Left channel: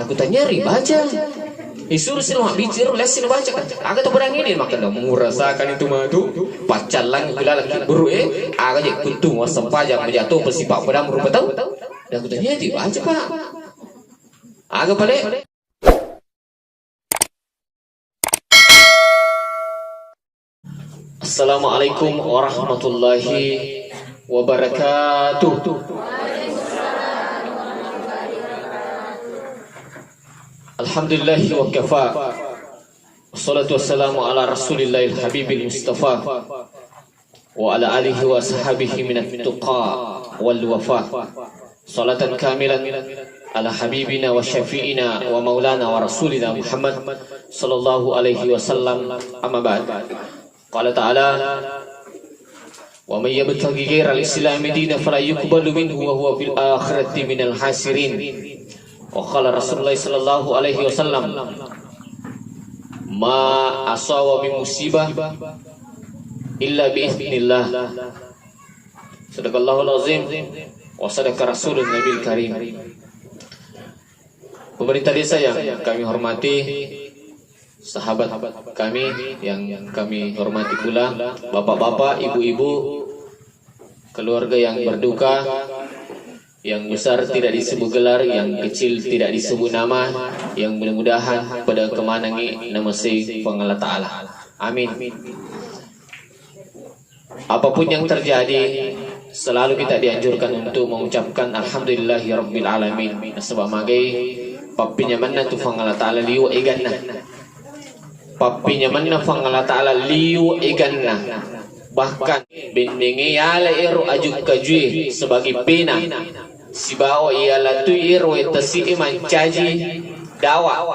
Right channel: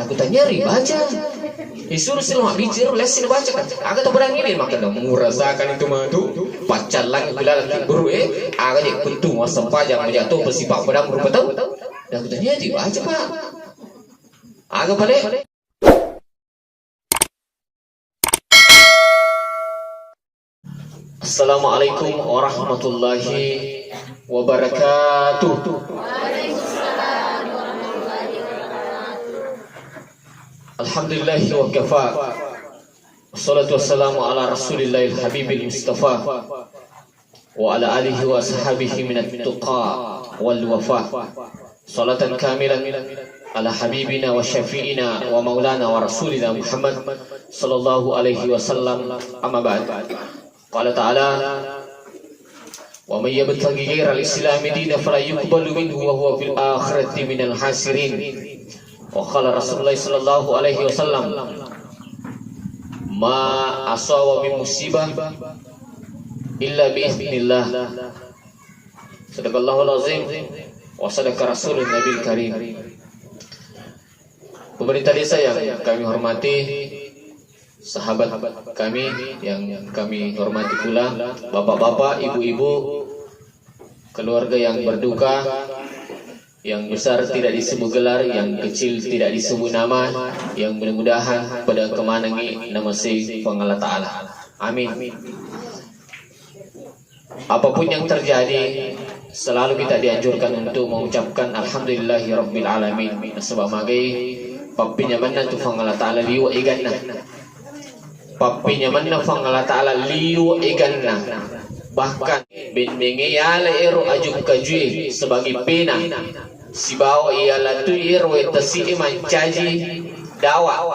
Aku tanya baca. Disuruh sila mak bicara lesin baca kan. Aga tak berang ini maka dah merasakan itu mah tu pacalan bila lagi buru aga je kuntung wasam pajang menjatuh bersifat pedang berupa tahu. Dah aku tanya baca Pak. Aga balik. Assalamualaikum warahmatullahi wabarakatuh. Alhamdulillahi wa kafa. Wassalatu wassalamu ala rasulillahil habibil mustafa wa ala alihi wa sahabihi minat tuqa wal wafa. Salatan kamilan ala habibina wa syafi'ina wa maulana wa rasulina Muhammad sallallahu alaihi wasallam. Amma ba'd. Qala ta'ala wa man yabtaghi ghayra al-islam dinan fala yuqbalu minhu wa huwa fil akhirati minal hasirin. Wa qala Rasulullah sallallahu alaihi wasallam ma asaba min musibah illa bi idznillah. Sadaqallahul azim wa sadaqa rasulun nabil karim. Pemerintah desa yang kami hormati, sahabat kami yang kami hormati pula, bapak-bapak, ibu-ibu, keluarga yang berduka, yang besar tidak disebut gelar, yang kecil tidak disebut nama, yang mudah-mudahan pada kemanangi nama si Allah Ta'ala. Amin. Apapun yang terjadi, selalu kita dianjurkan untuk mengucapkan Alhamdulillahi Rabbil Alamin. Sebab magai papinya mana tu Allah Ta'ala liu iganna. Papinya mana Allah Ta'ala liu iganna. Bahkan bendenge yala eru ajuk kajui sebagai pena. Sibawa ialah tu iru etasi mancaji dawa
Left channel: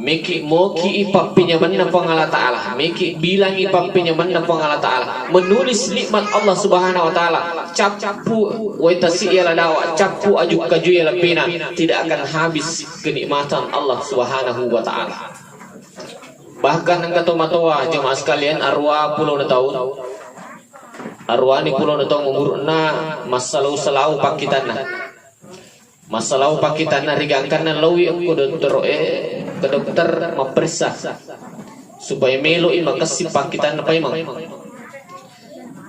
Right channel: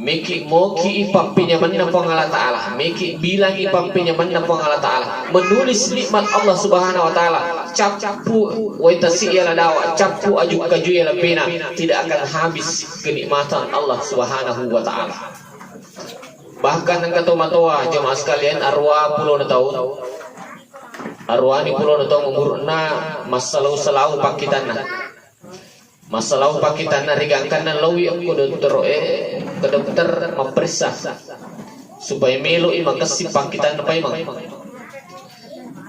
miki moki ipapinya mana Allah Ta'ala, miki bilang ipapinya mana Allah Ta'ala, menulis nikmat Allah Subhanahu wa Ta'ala, capu wetasi ialah dawa, capu ajuk kaju ialah pena, tidak akan habis kenikmatan Allah Subhanahu wa Ta'ala. Bahkan yang kata matoa jemaah sekalian, arwah puluh tahun, arwah ni puluh tahun umurna masalah salau pakitanna. Masalah pakitan rigangkan na lawi ang ke dokter memeriksa supaya melo makasih pakitan na paimang.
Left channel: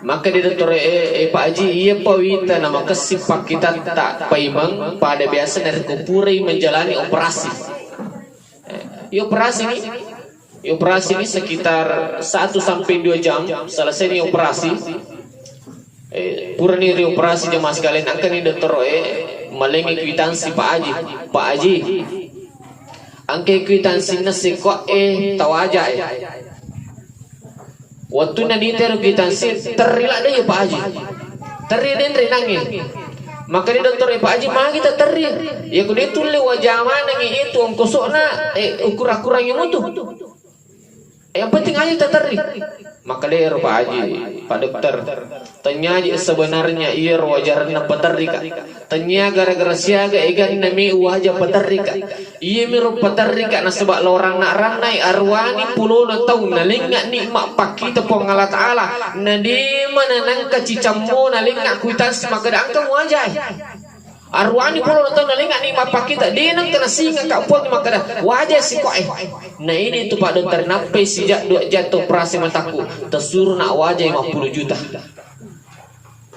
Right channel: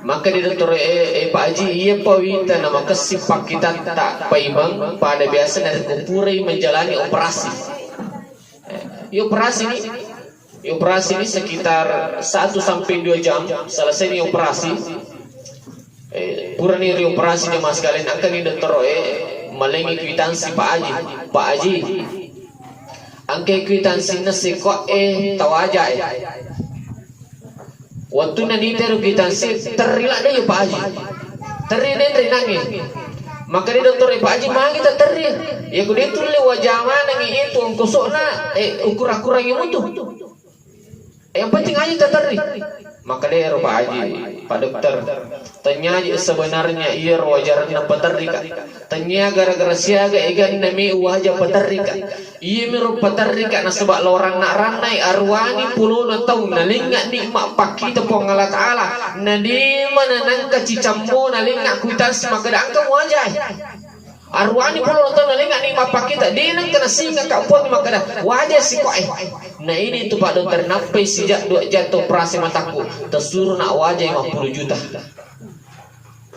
Maka di dokter Pak Haji iya pawita na makasih pakitan tak paimang pada biasa dari kupuri menjalani operasi. Operasi ini sekitar 1 sampai 2 jam selesai ini operasi. Purani operasi jemaah sekalian akan di dokter malengi kwitansi Pak Haji angke kwitansi nasi kok tawaja waktu nadi teru kwitansi terilah deh Pak Haji terilah nangis maka di dokter Pak Haji mah kita teri ya kudu itu le wajah mana ngi itu ongkosona ukur-ukur yang itu yang penting aja teri maka dia Pak Haji Pak dokter tanya sebenarnya iya wajarnya peterika tanya gara-gara siaga egan nami wajah peterika iya miru peterika na sebab lorang nak ranai arwani puluh na tahun nalingak nikmat pakita po Allah Ta'ala na di mana nangka cicammo nalingak kuitas maka daangka wajah arwani puluh na tahun nalingak nikmat pakita di nang kena singa kaupon maka dah wajah si kok nah ini tu Pak dokter nape sejak jatuh operasi mataku tersuruh nak wajah 50 juta.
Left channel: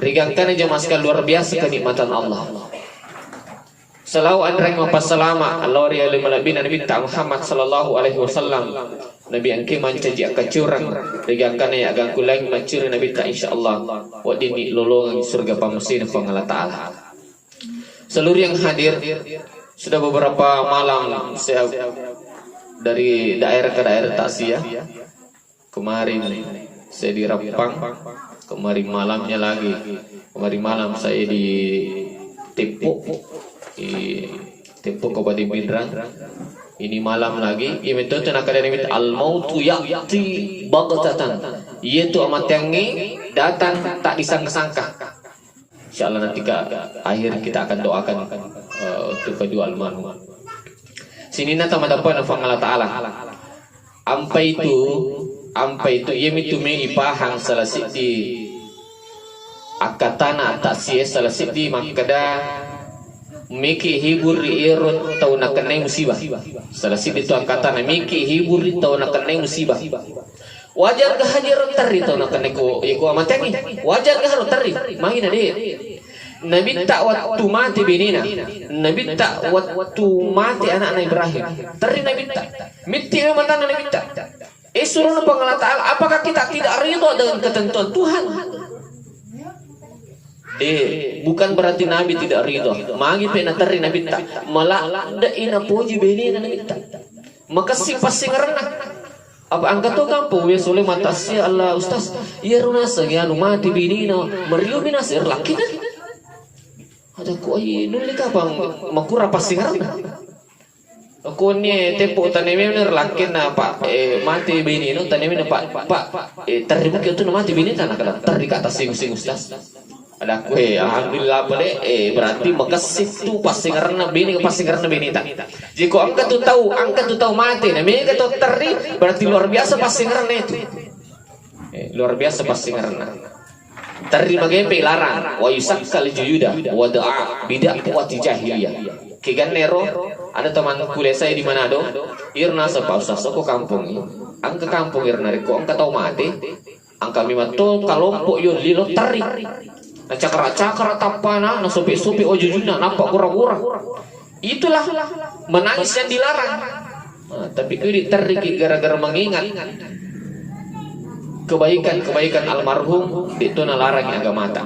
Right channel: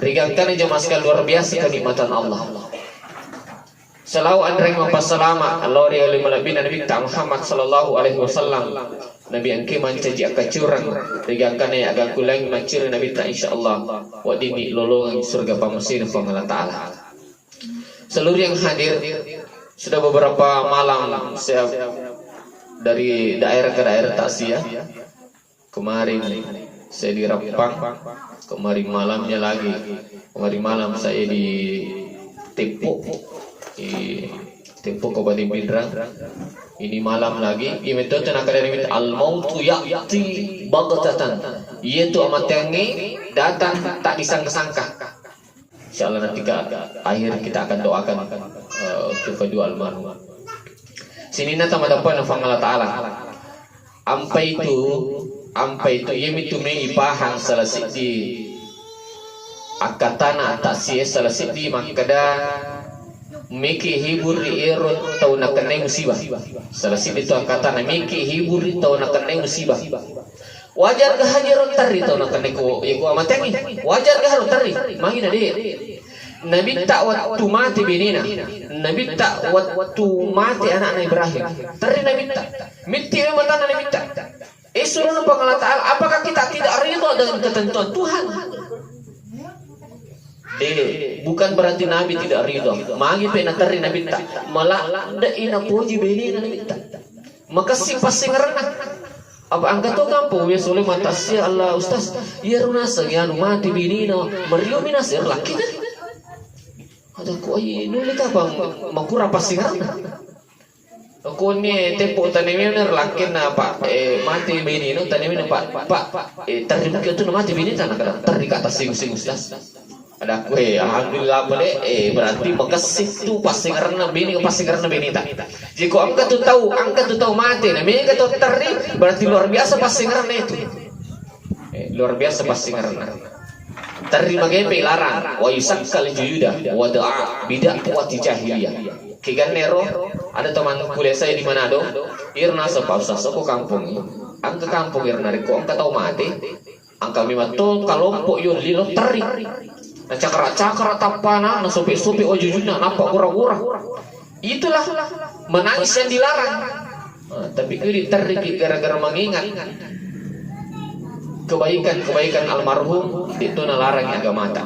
Rigangkan jemaah sekalian luar biasa kenikmatan Allah. Selalu andreng mapasalama Allah ri alim nabi Muhammad sallallahu alaihi wasallam. Nabi angke mancaji akacurang rigangkan ya agak kulang mancuri nabi ta insyaallah wa dini lolongan surga pamesin Allah Ta'ala. Seluruh yang hadir sudah beberapa malam saya dari daerah ke daerah taksiyah. Kemarin saya di Rempang, kemarin malamnya lagi, kemarin malam saya di Tepok Kabupaten Pindrang. Ini malam lagi, itu tenaga dari al-mautu ya'ti baghtatan. Yaitu amat yangi datang tak disangka-sangka. Insyaallah nanti akhir kita akan doakan untuk kedua almarhum. Sini nata madapan Allah Ta'ala. Ampai itu yaitu mengipahang salasik di akatana atasnya salasik di makada miki hibur irut tau nak kena musibah. Salah si itu angkatan miki hibur tau nak kena musibah. Wajar ke hajar tari tau nak kena ko amat yang ini. Wajar ke harus tari. Main ada. Nabi tak waktu mati binina. Nabi tak waktu mati anak Ibrahim. Tari Nabi tak. Miti memang Nabi tak. Suruh Allah Ta'ala, apakah kita tidak ridho dengan ketentuan Tuhan? Bukan berarti Nabi tidak ridho. Magi pena tari Nabi tak. Malah da ina puji binina Nabi tak. Maka si pasti ngerana. Apa angkat tu kampung dia soleh mata si Allah ustaz. Ya runasa ya mati binina meriu binas laki dah. Ada ku ai nulik apa makura pasti ngerana. Aku ni tempo tanami bener laki na pak mati binina tanami na pak terima kita tu mati binina nak ada tari kata sing ustaz. Ada aku alhamdulillah boleh berarti makasih tu pasti karena bini tak. Jika angkat tu tahu mati nah bini tu teri berarti luar biasa pasti karena itu. Luar biasa pasti karena teri magempe larang wa yusakkal juyuda wa da'a bidah wa jahiliyah. Kigan nero ada teman kuliah saya di Manado irna sepausa soko kampung angka kampung irna riko angka tahu mati angka mimatul kalompok yo lilo teri cakra tapana na sopi ojujuna nampak gura-gura. Itulah menangis yang dilarang. Tapi kiri teriki gara-gara mengingat kebaikan almarhum itu nalarang yang agak mata.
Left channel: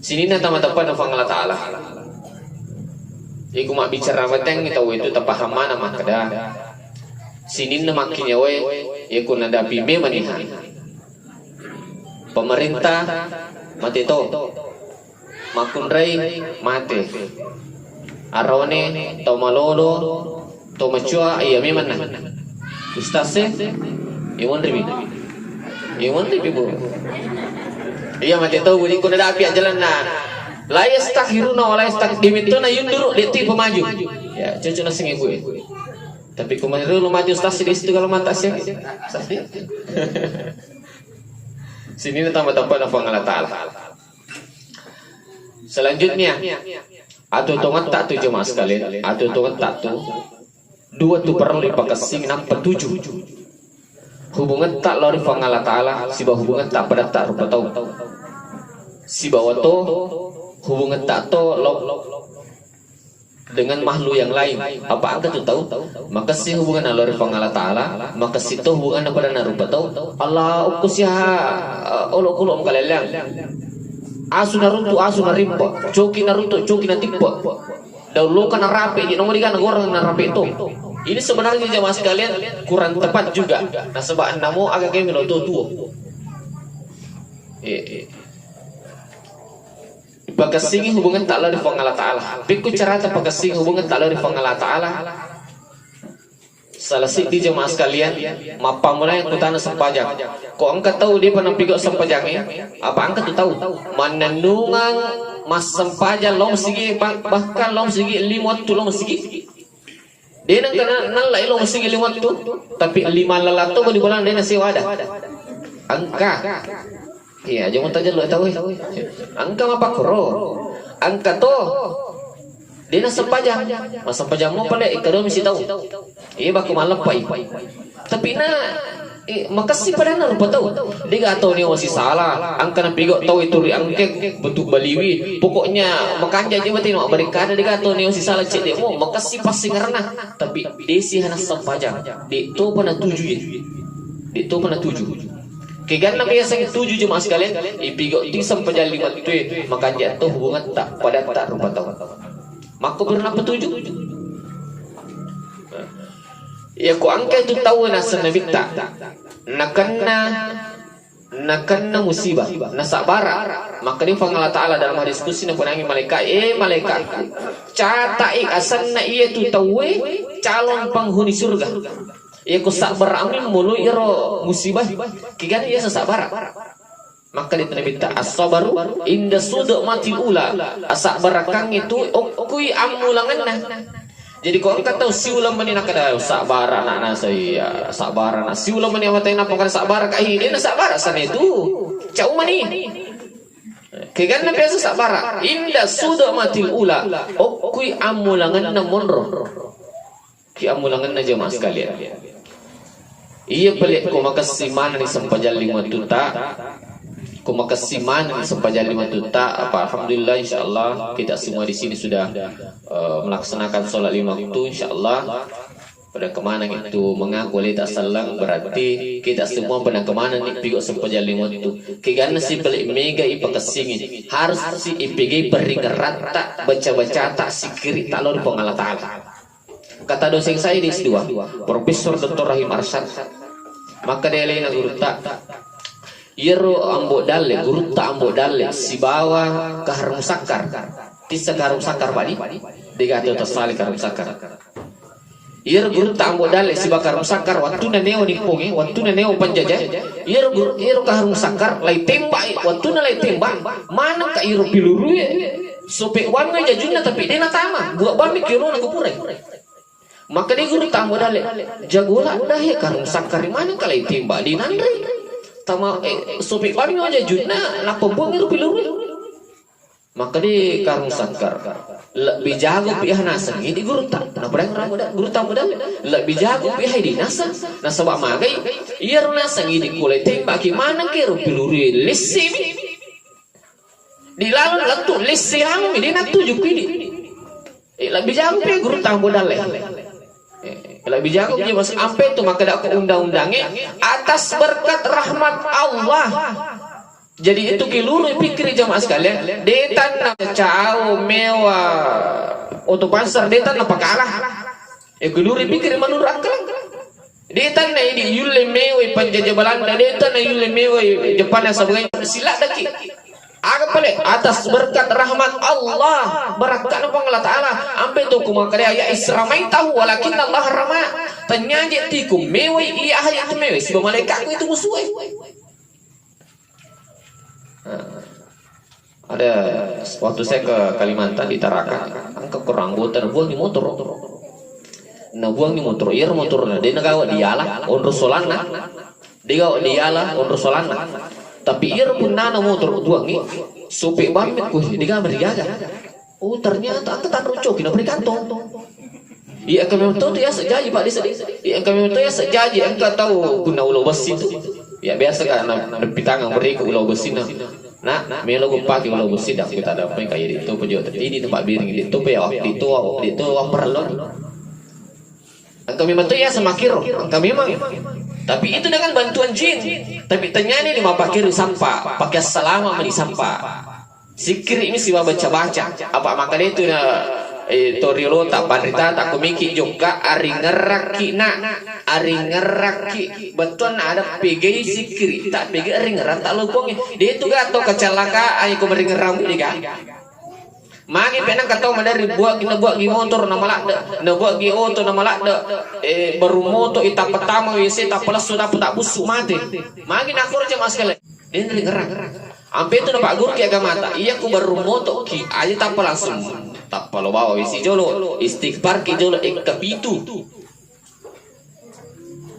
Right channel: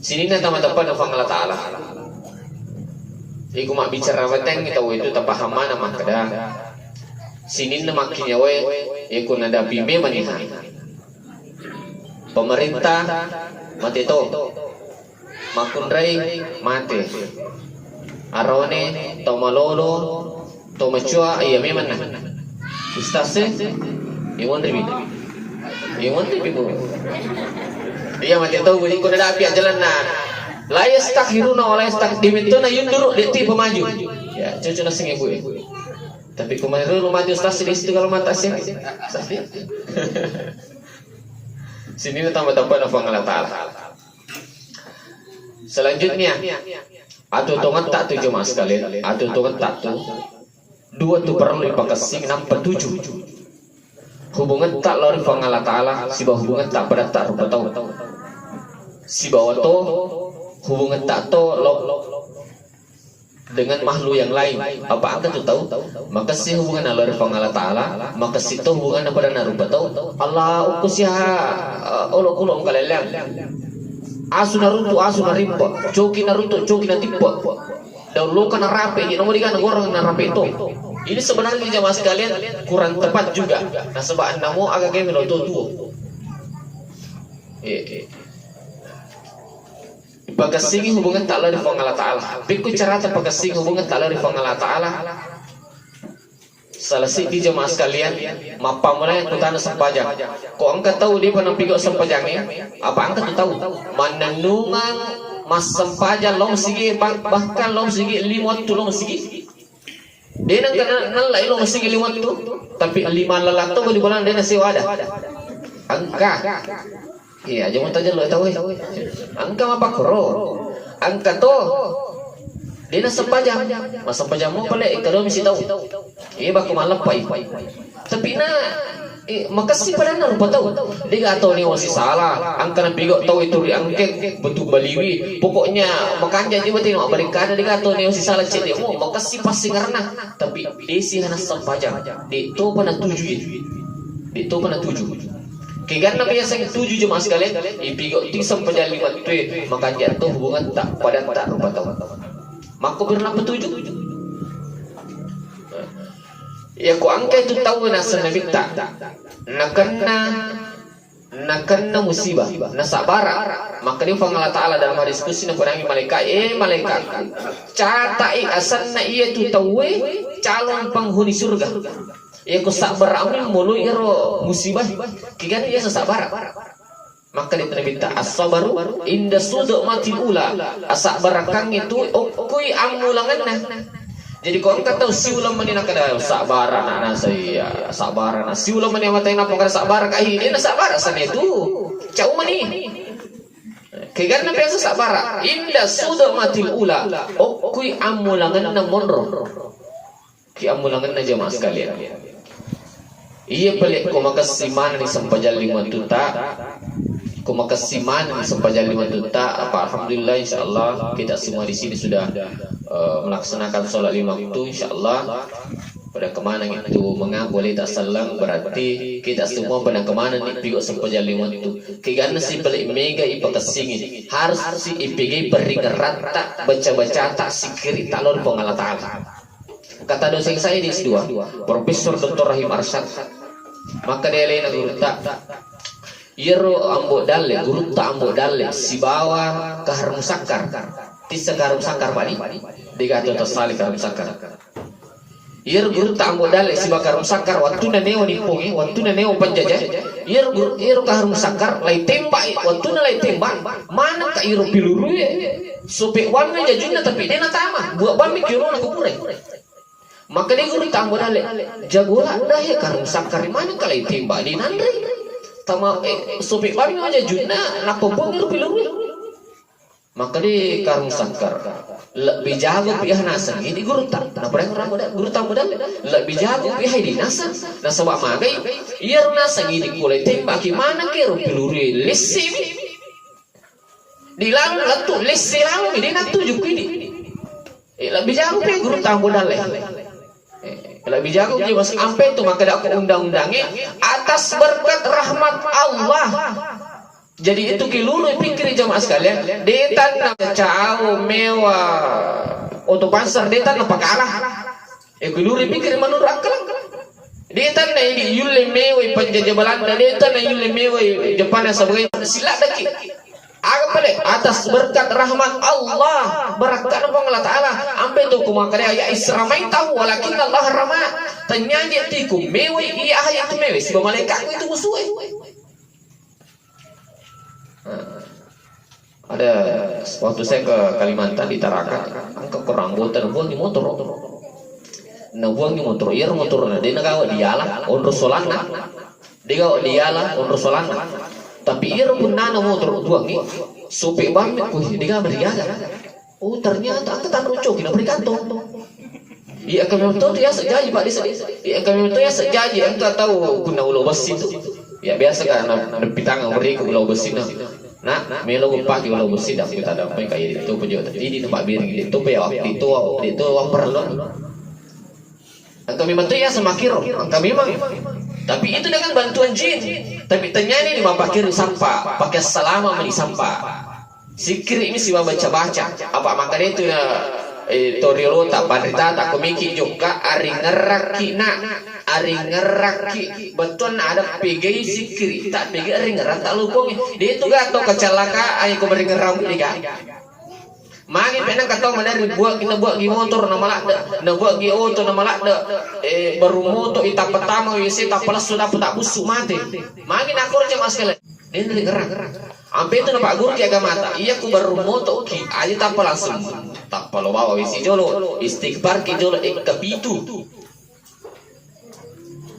Sini na tama-tapa na Allah Ta'ala. Iku mak bicara bateng tahu itu tapaham mana mah kada. Sini na makinya we iku nadapi memanihan. Pemerintah mati to makunrai mati arone to malolo to macua iya memang ustaz iwan ribi bu iya mati to budi kuda api jalan na la yastakhiruna wa la yastaqdimituna yunduru deti pemaju ya cocok sing ibu tapi kemarin lu mati ustaz di situ kalau mata sih sini tambah-tambah nafang Allah Ta'ala. Selanjutnya atu tongan tak tu jemaah sekalian. Atu tongan tak tu dua tu perang dipakasing nampak tujuh. Hubungan tak lori fang Allah Ta'ala. Siba hubungan tak pada tak rupa tahu. Siba wato hubungan tak to dengan makhluk yang lain. Apa angka tu tahu? Maka si hubungan Allah fang Allah Ta'ala. Maka si to hubungan pada narupa tahu. Allah ukusya olok-olok kaleleang. Asu Naruto, asu Narimpa, Joki Naruto, Joki Natipa. Dahulu kan rapi, nomor tiga orang rapi itu. Ini sebenarnya jemaah sekalian kurang tepat juga. Nah sebab namo agak kayak menurut tua. Pagkasing hubungan tak lari fang Allah Ta'ala. Pikir cara pagkasing hubungan tak lari fang Allah Ta'ala. Salah si di jemaah sekalian, mapa mulai yang kutana sempajang. Kok angkat tahu dia pernah pigok sempajangnya? Apa angkat tu tahu? Mananungan mas sempajang long sigi bahkan long sigi limot tu long sigi. Dia nang nalai long sigi limot tu, tapi lima lalato boleh bolang dia nasi wadah. Angka. Iya, jangan tanya lo tahu. Angka apa koro? Angka tu. Dia nak sempajang, masa sempajang mau pada kalau mesti tahu. Baku malam pai. Tapi makasih pada nak lupa tahu. Dia gak tahu ni masih salah. Angka nak pigok tahu itu angkeng bentuk baliwi. Pokoknya makan janji mati nak mereka ada dia gak tahu ni masih salah cek dia. Makasih pasti karena. Tapi dia sih hanya sempajang. Dia tu pernah tujuh. Karena kaya saya tujuh jemaah sekalian. Pigok ti sempajang lima tu makan jatuh hubungan tak pada tak lupa tahu. Maka bernapa tujuh? Ya ku angka itu tahu nasa Nabi tak nakana musibah nasabara. Maka dia fang Allah Ta'ala dalam hadis qudsi na panangi malaikat malaikat catai asanna ia tu tahu calon penghuni surga. Ya ku sabar amin mulu iro musibah kigan ia sabar. Maka dia Nabi tak as-sabaru inda sudu matil ula asabar kang itu okui amulangan nah. Jadi kau angkat tahu si ulam mani nak ada sabaran anak saya sabaran si ulam mani yang matai nak pokok sabar kai dia nak sabar asal itu cau mani Kegan na peso sa bara. Inda sudah matil ula. O kui amulangan na monro. Ki amulangan na jamaah sekalian. Iya balik kumakasiman ni sampajalli matuta. Kumakasiman ni sampajalli matuta. Apa alhamdulillah insyaallah kita semua di sini sudah melaksanakan sholat 5 waktu insyaallah. Pada kemana itu mengaku oleh tak salam berarti kita semua pada kemana nih pigo sampajalli matu. Kegana si balik mega ipakasingin harus si IPG beringerata baca-baca tak sikiri talor pengala ta'ala. Kata dosen saya di S2 Profesor Dr. Rahim Arsyad, maka dia lain guru tak Yero ambo dalle guru tak ambo dalle si bawa ke harum sakar tisa harum sakar pani digato tersali harum sakar. Yer guru tak ambo dalle si bakar sakar waktu na neo nipungi waktu na neo penjajah yer ka harum sakar lai tembak waktu na lai tembak mana ka iro piluru ye sope wan me jajuna tapi dia na tama buat ban mi kiro na kupure. Maka dia guru tak ambo dalle jagola dah ya ka harum sakar mana ka lai tembak di nandri tama sope wan me jajuna na pembong iro piluru. Maka dia karung sakar lebih jago pihak nasa ini guru tak na pernah ramuda guru tak muda lebih jago pihak di nasa bawa magai iya nasa ini kulai tembak gimana kero piluri lesim di lalu latu lesim lalu ini nak tujuh kini lebih jago pihak guru tak muda lebih jago dia mas ampe tu maka dak undang-undangnya atas berkat rahmat Allah. Jadi itu kilulu pikir jamaah sekalian, detan na cao mewah untuk pasar detan apa kalah? Kilulu pikir menurut akal. Detan na ini yule mewah penjajah Belanda, detan na yule mewah Jepang yang sebagai silat daki. Agak pelik atas berkat rahmat Allah, berkat Allah Taala. Ambil tu kumakarya ya Isramai tahu, walakin Allah rahmat. Tanya tiku mewah iya ayat mewah. Si malaikat itu musuh. Ada waktu saya ke Kalimantan di Tarakan, angkat kurang botan buang di motor, nah buang di motor, iya motornya dia nagawa dialah, onro solana, dia gawa dialah, onro solana, tapi iya pun nana motor buang ni, supir banget kuh, dia gawa berjaga, oh ternyata aku tak merucuk, kita beri kantong. Iya kami tahu tu ya sejaji pak desa, iya kami tahu ya sejaji, engkau tahu guna ulo besi tu, ya biasa kan, depi tangan beri ke ulo besi nah melo pagi ulo besi dah kita ada apa kayak itu penjual di tempat biring itu ya itu perlu. Kami bantu ya semakir, kami memang, tapi itu dengan bantuan jin. Tapi ternyata ini mau pakai sampah, pakai selama meni sampah. Sikir ini sih baca-baca, apa makanya itu Toriolo tak panita tak komiki juga ari ngeraki betul ada PG sikiri tak PG ari ngerak tak lupung dia itu gato kecelakaan aku beri ngeram juga mangin penang katau mana buat kita buat gi motor na malak na buat gi auto na malak baru motor ita pertama wc tak pelas sudah tak busuk mati mangin aku aja mas kalian dia ngerak ampe itu nampak guru ki agama mata iya aku baru motor ki aja tak langsung tak palo bawa isi jolo istighfar ki jolo kapitu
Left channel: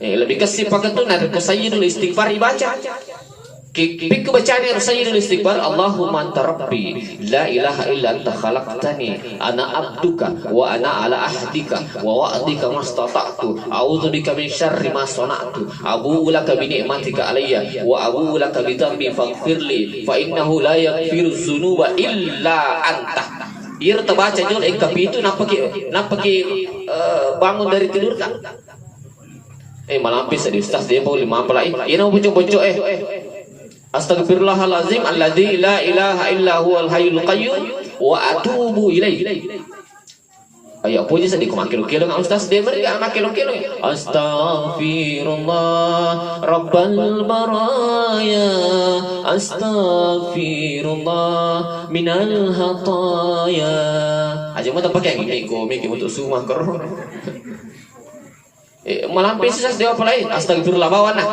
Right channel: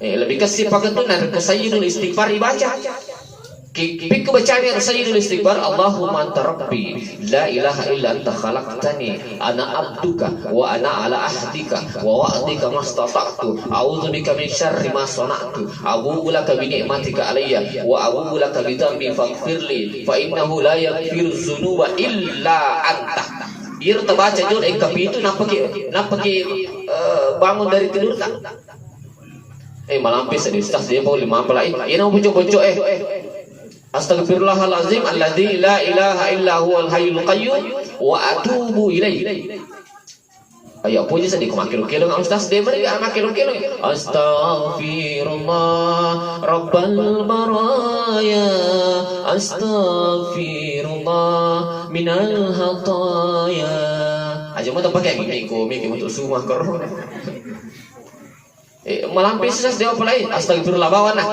lebih kasih pakai tu nak kesayyidul istighfar dibaca pik bacaan yang sayyidul istighfar Allahumma anta rabbi la ilaha illa anta khalaqtani ana abduka wa ana ala ahdika wa wa'dika mastata'tu a'udzu bika min syarri ma sana'tu abu'u laka bi ni'matika alayya wa abu'u laka bi dhanbi faghfirli fa innahu la yaghfiru dzunuba illa anta. Ia terbaca jul kapi itu nak pergi bangun dari tidur tak? Malampis di ustaz dia bawa 5 pelai. Ia nak bocok-bocok Astagfirullahalazim alladzi la ilaha illa huwal hayyul qayyum wa atubu ilaihi. Ayo puji sedih kumakil-kil dengan ustaz dia beri makil-kil. Astaghfirullah rabbal baraya astaghfirullah minal hataya. Aja mau pakai miko untuk semua kerong. Melampis ustaz dia apa lain? Astagfirullah bawana.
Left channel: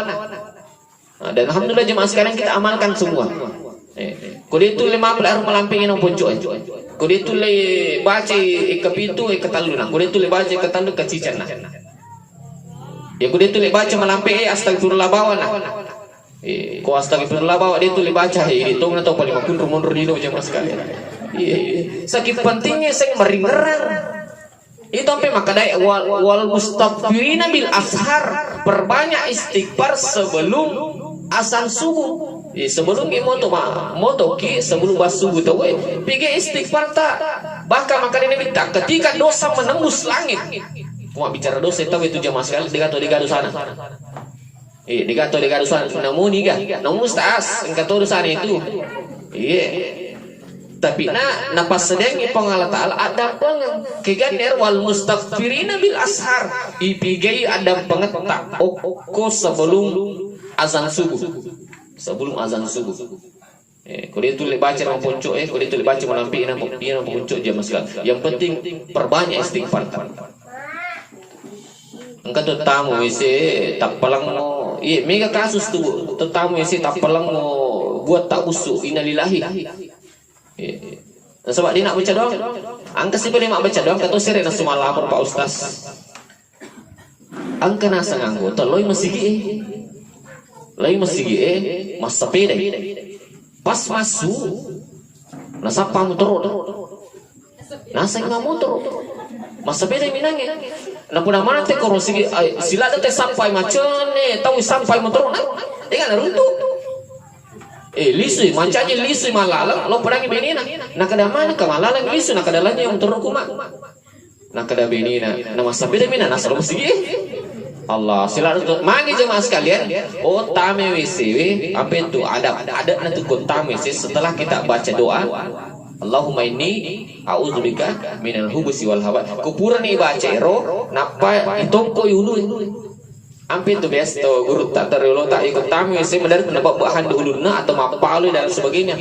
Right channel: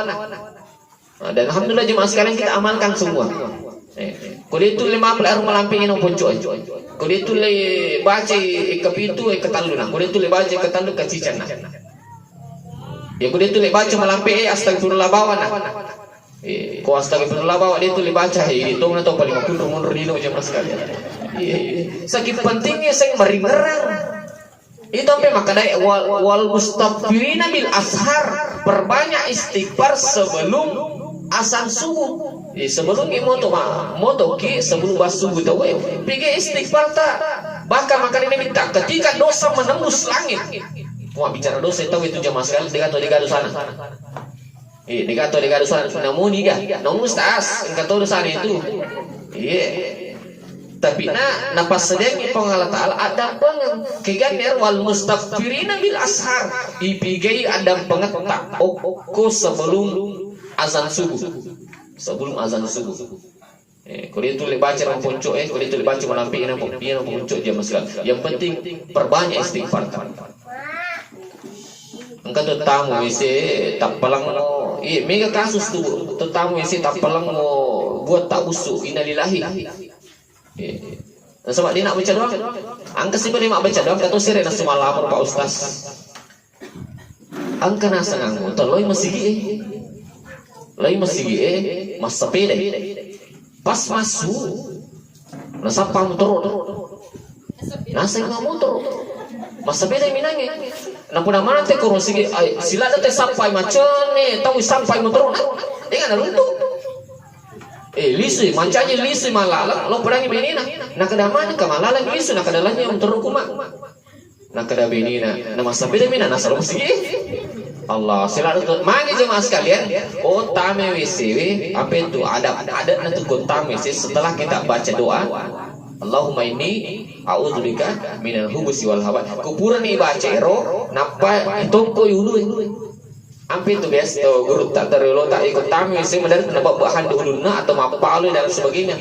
Dan alhamdulillah jemaah sekarang kita amalkan semua. Kulit itu 5 pelar melampingin poncok. Kulit itu le baca kapitu ketaluna. Kulit itu le baca ketalu kecicana. Ya kulit itu le baca melamping astagfirullah bawana. Kau astagfirullah bawa dia tu dibaca hitung atau paling makun rumun rino jemaah sekalian. Sakit pentingnya saya meringerang. Itu sampai maka dai wal mustaghfirina bil ashar, perbanyak istighfar sebelum azan subuh. Sebelum moto ki sebelum subuh tu pergi istighfar tak. Bahkan maka dia minta ketika dosa menembus langit. Mau bicara dosa tahu itu jemaah sekalian digado sana. Digato sana namun niga namun taas engkau dosa itu. Tapi pas sedang Allah Ta'ala ada pengen keganer wal mustaghfirina bil ashar ipigai ada pengetak oko sebelum azan subuh. Sebelum azan subuh. Kalau itu baca mempuncuk kalau itu baca melampi mempuncuk dia masalah. Yang penting perbanyak istighfar. Engkau tu tamu isi tak pelang mo. Mega kasus tu tamu isi tak pelang mo buat tak usuk innalillahi. Sebab dia nak baca doang. Angka siapa dia nak baca doang kata sirena semalam Pak Ustaz. Angka nasa nganggo teloi masih lain masih mas sepeda. Pas masuk nasa motor. Nasa ngah motor. Mas sepeda minangnya. Napuna mana teh korong sila teh sampai macam ni tahu sampai motor. Dengan runtuh. Lisui mancanya lisui malalang lo perang benina nak kada mana ka malalang lisui nak kada lanya yang terukuma nak kada benina nama sabida mina nasalom sigi Allah sila tu mangi jemaah sekalian tame wisiwi apa itu ada na tu tame setelah kita baca doa Allahumma inni a'udzubika minal hubusi wal hawa kupuran ni baca ero napa itu ko yulu Ampin tu biasa tu guru tak terlalu tak ikut tamu saya mendarat dapat bahan dulu na atau mapalu dan sebagainya.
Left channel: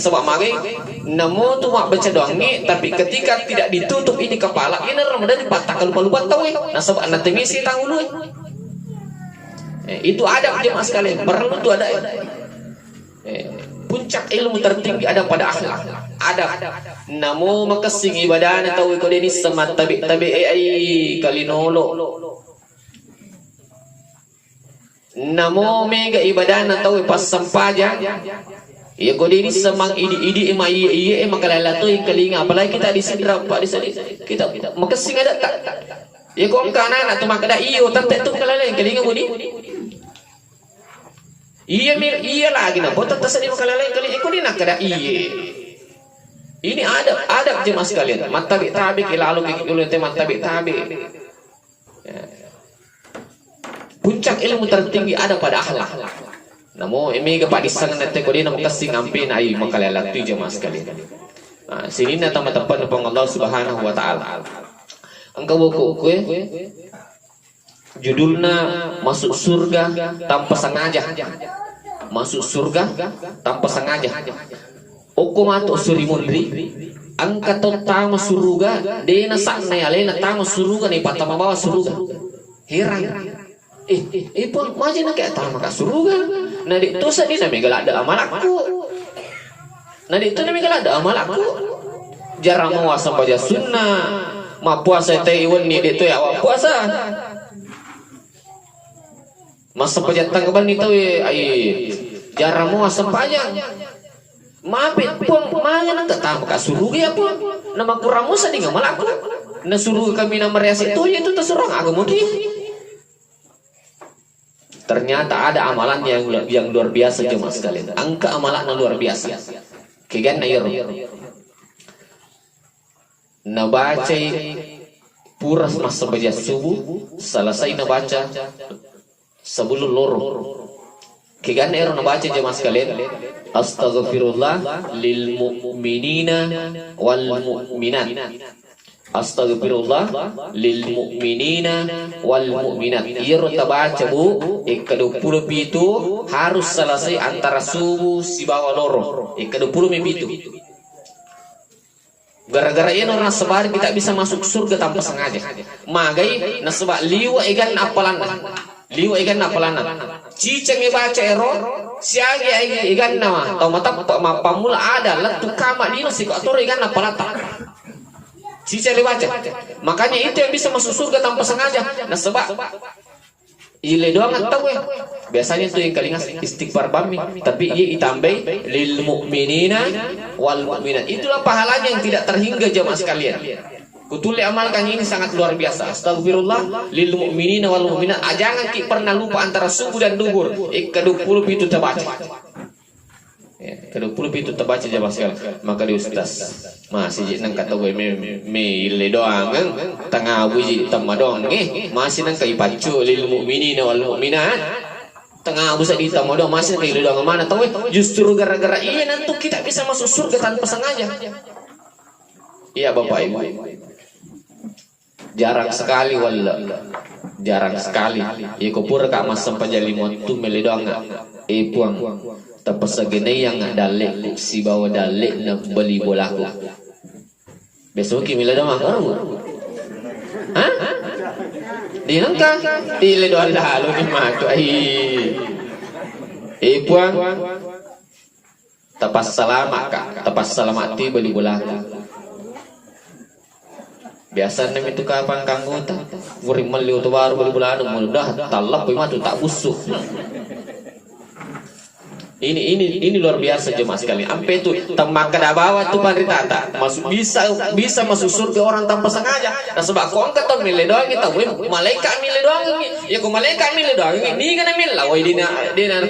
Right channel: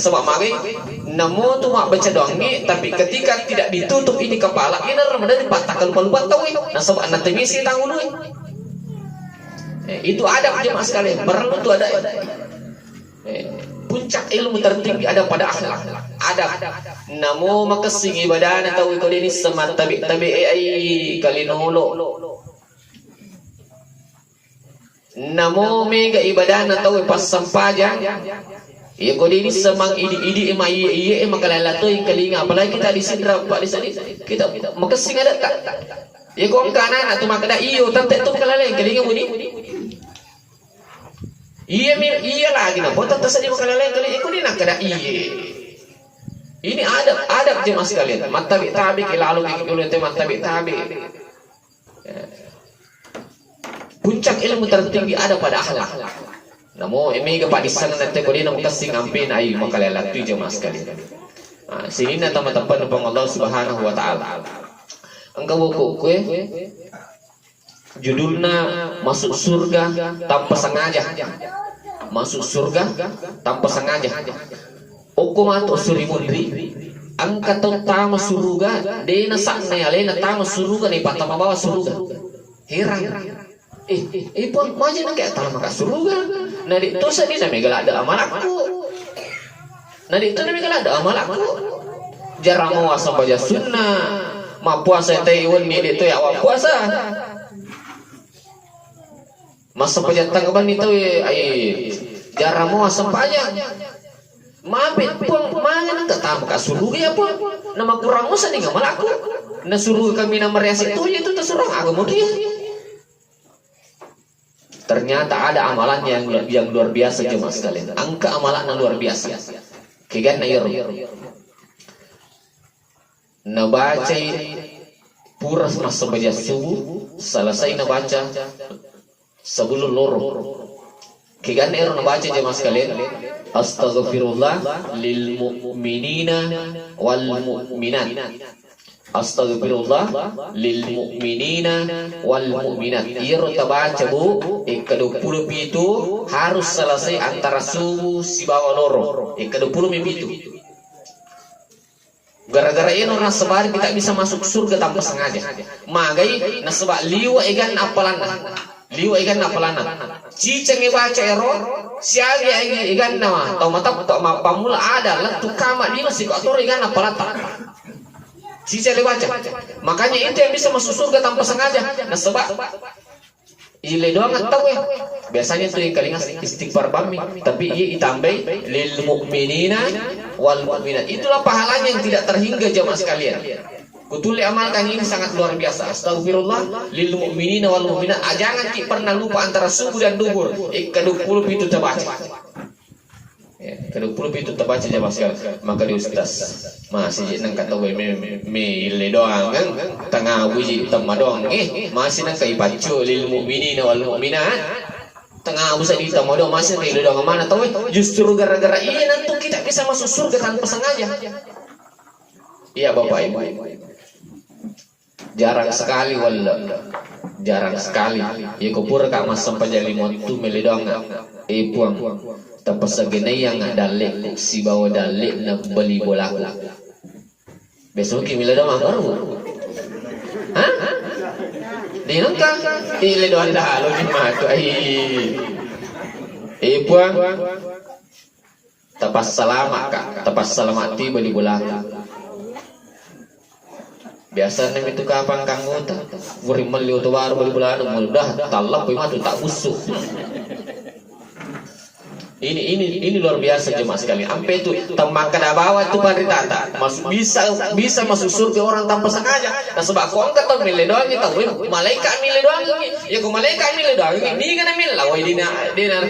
Sebab magi namun tu mak baca doang ni tapi ketika tidak ditutup ini kepala ini mendarat patah kalau lupa tahu nah sebab nanti misi tanggung dulu. Itu adab jemaah sekalian perlu tu ada. Puncak ilmu tertinggi ada pada akhlak. Adab. Namo makasing ibadah tahu ikut ini semat tabi ai kalinolo. Namo mega ibadah na tahu pas sampaja ya kau ini semang idi emang kalala tu yang kelinga apalagi kita di sidra pak di sini kita makasing ada tak ya kau kanan atau makada iyo tante tu kalala yang kelinga muni iya lagi na kau tante sini kalala yang kelinga kau ni nak kada ini adab jemaah sekalian matabi tabi lalu kikuluh teman tabi tabi. Puncak ilmu tertinggi ada pada akhlak. Namo emega padisang nate ko din ang kasing ampin ay makalala tu jemaah sekalian. Sini na tamatapan ng Allah Subhanahu wa taala. Ang kabuko ko judulna masuk surga tanpa sengaja. Masuk surga tanpa sengaja. Okumato surimundri ang katotama suruga de na sakna alena tama suruga ni patama bawa suruga. Heran. Pun macam nak kata maka suruga. Nadi tu sadi na megala ada amal aku. Nadi tu na megala ada amal aku. Jarang mau sampai sunnah. Ma puasa tayun ni itu ya puasa. Masa pajatan kaban itu jarang mau sampai aja. Mapit pun mana nak kata maka suruga pun. Nama kurang musa ni amal aku. Na suruga kami na merias itu terserah agama dia. Ternyata ada amalan yang luar biasa jemaah sekalian. Angka amalan yang luar biasa. Kigan na yoro. Nabaca puras masa baca subuh, selesai nabaca sebelum loro. Kigan na yoro nabaca jemaah sekalian. Astaghfirullah lil mu'minina wal mu'minat. Astaghfirullah lil mu'minina wal mu'minat. Ia tabaca bu ke-20 itu harus selesai antara subuh si bawa loro. Ke-20 itu. Gara-gara ini orang sebar kita bisa masuk surga tanpa sengaja. Magai nasabak liwa ikan apalana. Liwa ikan apalana. Ciceng baca ero siagi ikan nama. Tau mata pamula ada lah tukama di masih kau atur ikan apalata. Cica dibaca. Makanya itu yang bisa masuk surga tanpa sengaja. Nah sebab Ile doang tahu ya. Biasanya tuh yang kalingas istighfar bami, tapi ia itambai lil mu'minina wal mu'minat. Itulah pahalanya yang tidak terhingga jamaah sekalian. Kutuli amalkan ini sangat luar biasa. Astagfirullah lil mu'minina wal mu'minat. Jangan kita pernah lupa antara subuh dan duhur. Ke-20 itu terbaca. Ke-20 itu terbaca jamaah sekalian. Maka di ustaz masih nang kata gue me le doang kan tengah buji tamma dong masih nang kai pacu lil mu'minina wal mu'minat. Tengah busa di tamma dong masih le doang mana tahu justru gara-gara iya nanti kita bisa masuk surga tanpa sengaja. Iya Bapak Ibu. Jarang sekali jarang sekali ya kupur kak mas sampai jadi motu meledong puang tapos sa yang dalik si bawa dalik na beli bolaku besok kimi ledong ako ha di nangka iledong lalo di mato puang tapas salamat kak tapas salamati beli bolaku biasa nem itu kapan kanggo ta guring meliu to baru beli bulado mudah talak koy matu tak usuk ini luar biasa jemaah sekalian ampe itu temak kada bawa tu paritata masuk bisa masuk surga orang tanpa sengaja nah sebab kau angkat tol mile doang kita malaikat mile doang ya ko malaikat mile doang ni kana mil lawai dina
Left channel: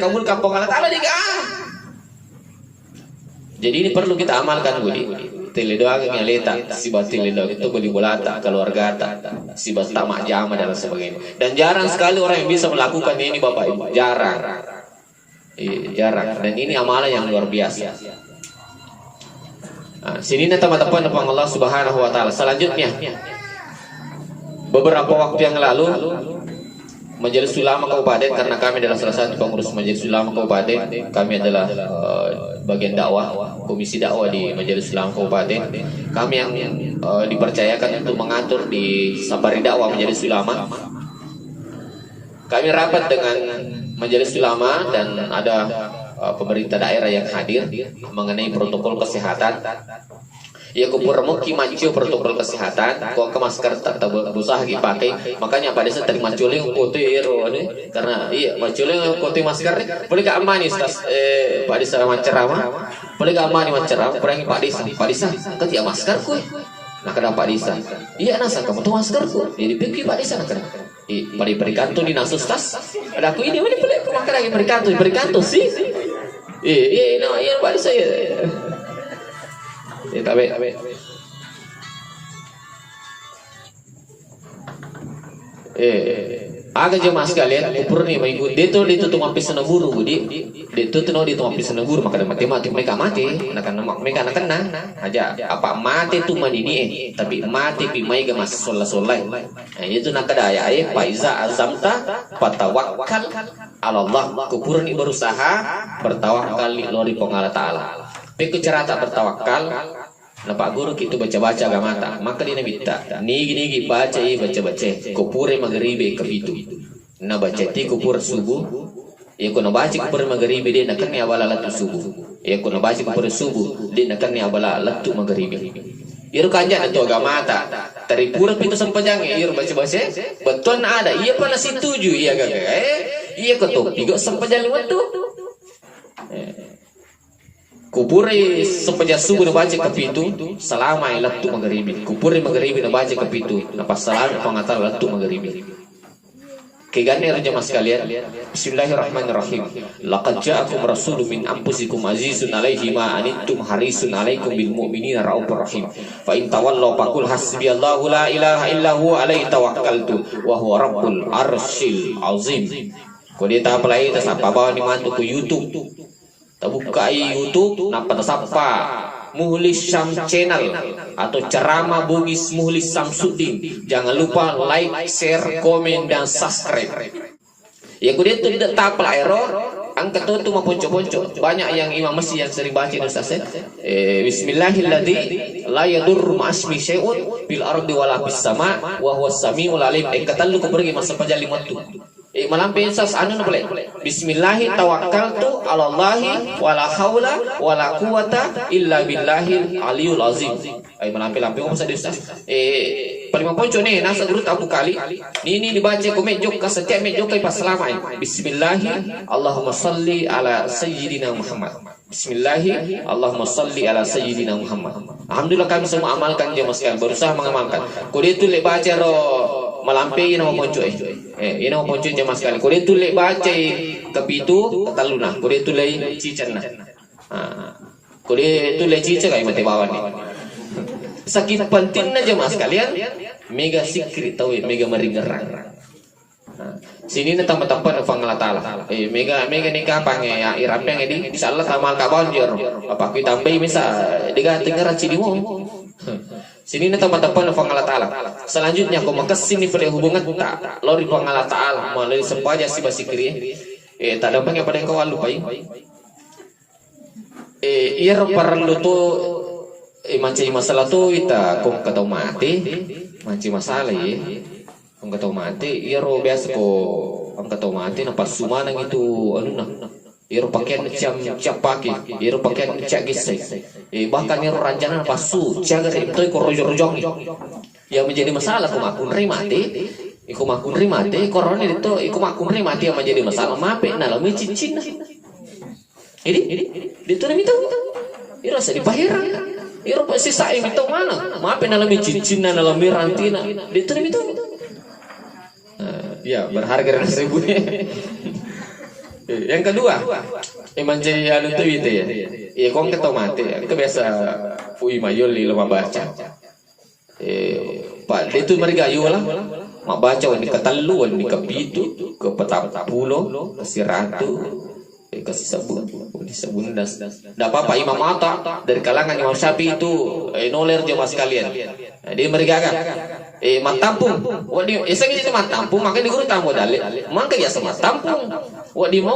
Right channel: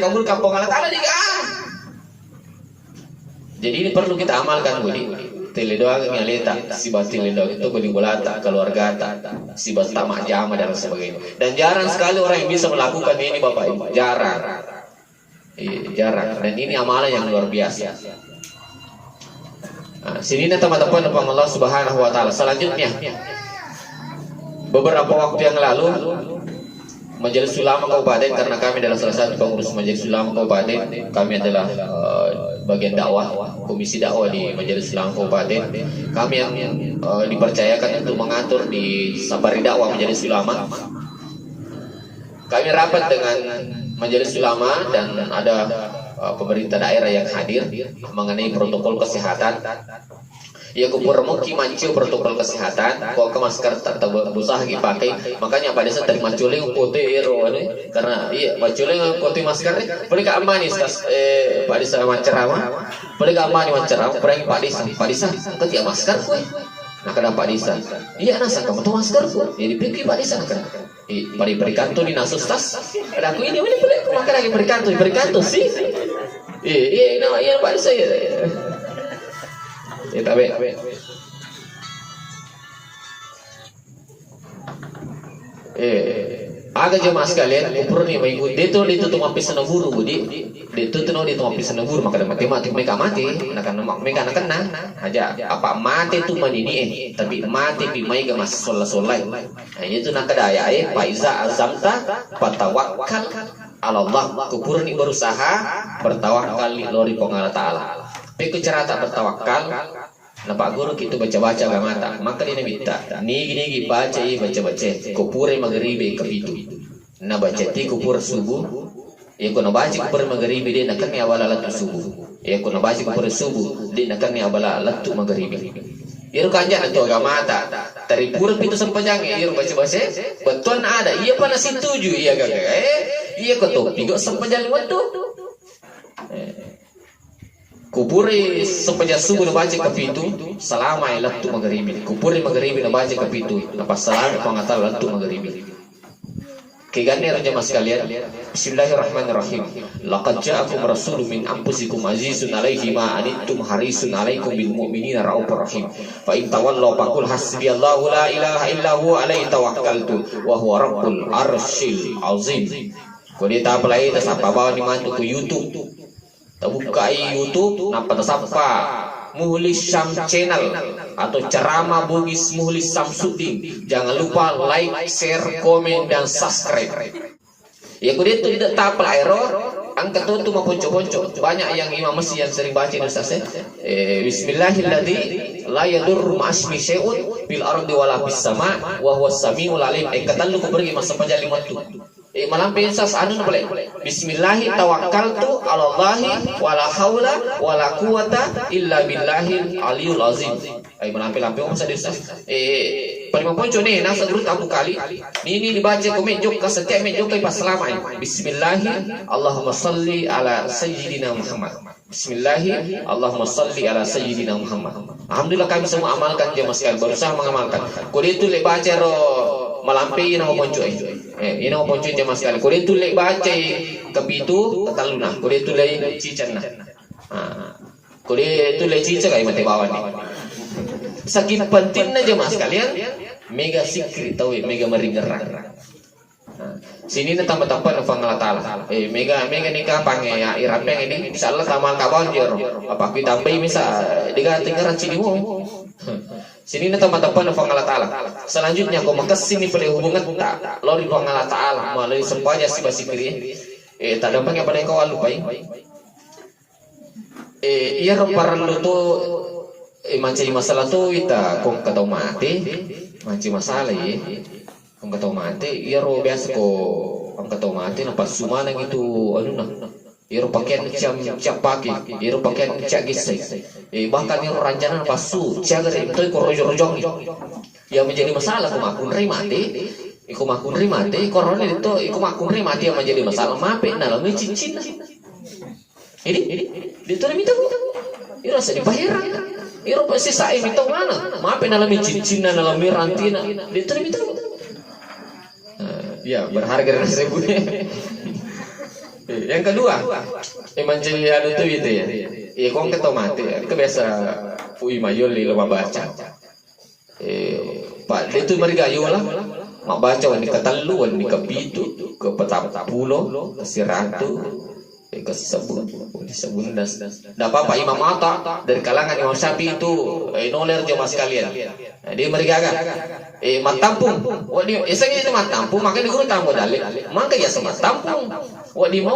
kamu kampung Allah taala diga jadi ini perlu kita amalkan Budi teledoa yang leta si bat teledoa itu beli bolata keluarga si bat tamak jama dan sebagainya dan jarang sekali orang yang bisa melakukan ini Bapak Ibu jarang dan ini amalan yang luar biasa. Nah, sini teman-teman Allah Subhanahu Wa Taala selanjutnya beberapa waktu yang lalu Majelis Ulama Kabupaten karena kami adalah salah satu pengurus Majelis Ulama Kabupaten kami adalah bagian dakwah komisi dakwah di Majelis Ulama Kabupaten kami yang dipercayakan untuk mengatur di Sabari dakwah Majelis Ulama kami rapat dengan Majelis Ulama dan ada pemerintah daerah yang hadir mengenai protokol kesehatan ya kupuramuki macu protokol kesehatan kok ke masker tak usah dipakai makanya pada saat dari maculing putih karena iya maculing putih masker boleh gak manis Pak Disa ceramah boleh gak manis ceramah pergi Pak Disa ketika masker kue nah kena Pak Disa iya nasa kamu tuh masker kue jadi pikir Pak Disa kena berikan tuh di nasus tas ada aku ini boleh makan lagi berikan tuh sih iya Pak Disa ya tapi agak jemaah sekalian ukur nih mengikut dia tuh mampir seneburu Budi dia tuh mampir seneburu maka mati mereka mati mereka kena aja apa mati tuh manini tapi mati pimai ke mas soleh nah itu nak kedaya faiza azamta fatawakkal Allah kupur nih berusaha bertawakal lori pengarah taala tapi cara tak bertawakal nah Pak Guru kita baca-baca gamata maka dia minta gini baca kupure maghribi ke itu nah baca ti kupur subuh ya kuna baca kupur maghribi dia nak ni abala latu subuh ya kuna baca kupur subuh dia nak ni abala latu maghribi iru kanja itu gamata dari pura itu sempajang iru baca-baca betul ada iya pala situju iya gak iya ketuk tiga sempajang waktu kupuri sepanjang subuh baca ke pintu selama latu maghribi kupuri maghribi baca ke pintu apa selama pengatar latu maghribi kegane jemaah sekalian bismillahirrahmanirrahim laqad ja'akum rasulun min anfusikum azizun 'alaihi ma anittum harisun 'alaikum bil mu'minina raufur rahim fa in tawallaw faqul hasbiyallahu la ilaha illa huwa 'alaihi tawakkaltu wa huwa rabbul arsyil azim ko dia tak pelai tak sapa bawa ni mantu ke YouTube buka YouTube nampak sapa Muhlis Syam Channel atau ceramah Bugis Muhlis Samsudin jangan lupa like share komen dan subscribe ya kudu itu tidak tapal error angkat itu mah ponco-ponco banyak yang imam masjid yang sering baca Ustaz bismillahilladzi la yadurru ma'asmi syai'un bil ardi wala fis sama wa huwas samiul alim kata lu pergi masa panjali waktu malampian sas anu boleh bismillahi tawakkaltu ala Allahi wala haula wala quwata illa billahil aliyul azim malampian usah di Ustaz paling ponco nih nasa guru tabu kali. Ini dibaca ko medyo ka setiap medyo kay pasalamay. Bismillahi Allahumma salli ala sayyidina Muhammad. Bismillahi Allahumma salli ala sayyidina Muhammad. Alhamdulillah kami semua amalkan dia mas sekalian, berusaha mengamalkan. Kode itu lek baca ro malampe ina ponco ina ponco jamaah sekalian. Kode itu lek baca kepitu taluna. Kode itu lek cican nah. Kode itu lek cica kay mate bawa nih. Sakit pentingnya jemaah sekalian, mega sikri tahu mega meringerang. Sini na tambah-tambah na Allah Ta'ala. Mega nikah pange ya irapeng ini insyaallah tamal kabal jor. Apa kita tambah misa diga tinggaran cidimu. Sini na tambah-tambah na Allah Ta'ala. Selanjutnya kau makas sini pada hubungan tak lori Allah Ta'ala melalui sempaja si basikri. Tak ada pange pada kau lupai. Ia perlu tu manci masalah tu ita kong katau mati manci masalah kong katau mati ia ro biasa ko kong katau mati nampak sumana gitu anu nah ia ro pakaian cak pakai ia ro pakaian cak gisai bahkan ia ro rancangan pasu cak itu ko rojong yang menjadi masalah ko makun mati iku makun mati korone itu iku makun mati yang menjadi masalah mape nah lalu cincin ini itu minta ia rasa dibayar. Iro pasti saya minta mana? Maafin alami cincin, alami rantina. Dia tuh minta. Ya berharga 1.000. Yang kedua, emang jadi anu tuh itu ya. Iya kong ketau mati. Itu biasa fui mayol di lomba baca. Pak dia tuh mereka lah. Mak baca wani katalu, wani kepitu, ke petapulo, ke siratu. Kasih sabun dan tidak apa-apa Imam Atta dari kalangan Imam Syafi'i itu noler jemaah sekalian. Dia mereka kan mat tampung. Wadi esang itu mat tampung makanya diguru tamu dalil. Maka ya sama tampung. Wadi mau